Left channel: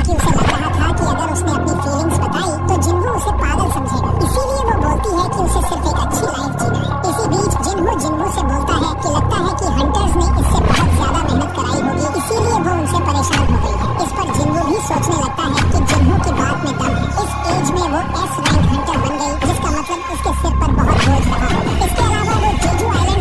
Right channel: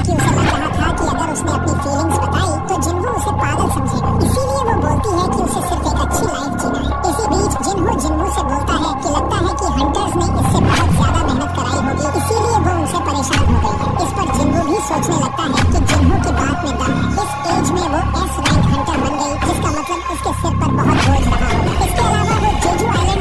क्योंकि उसे लग रहा था कि अगर उसने अपनी फीलिंग्स बताई तो जिन्हो उसे पागल समझेगा। इसीलिए वो बोलती है कि उसे सिर्फ एक अच्छी लाइफ जीना है। इसी बीच जिन्हो से बोलता है कि लगता है कि हंटर्स ने इससे बहुत ज्यादा मेहनत कराई होगी, इसीलिए वो उनसे परेशान हो गई है। इस पर जिन्हो भी सोचने लगता है कि जिन्हो की बात में दम है। इस एज में वो S रैंक हंटर बन गई, जिसका मतलब उसके सिर पर बहुत बोझ रहा होगा। इसके अलावा वो जेजू आइलैंड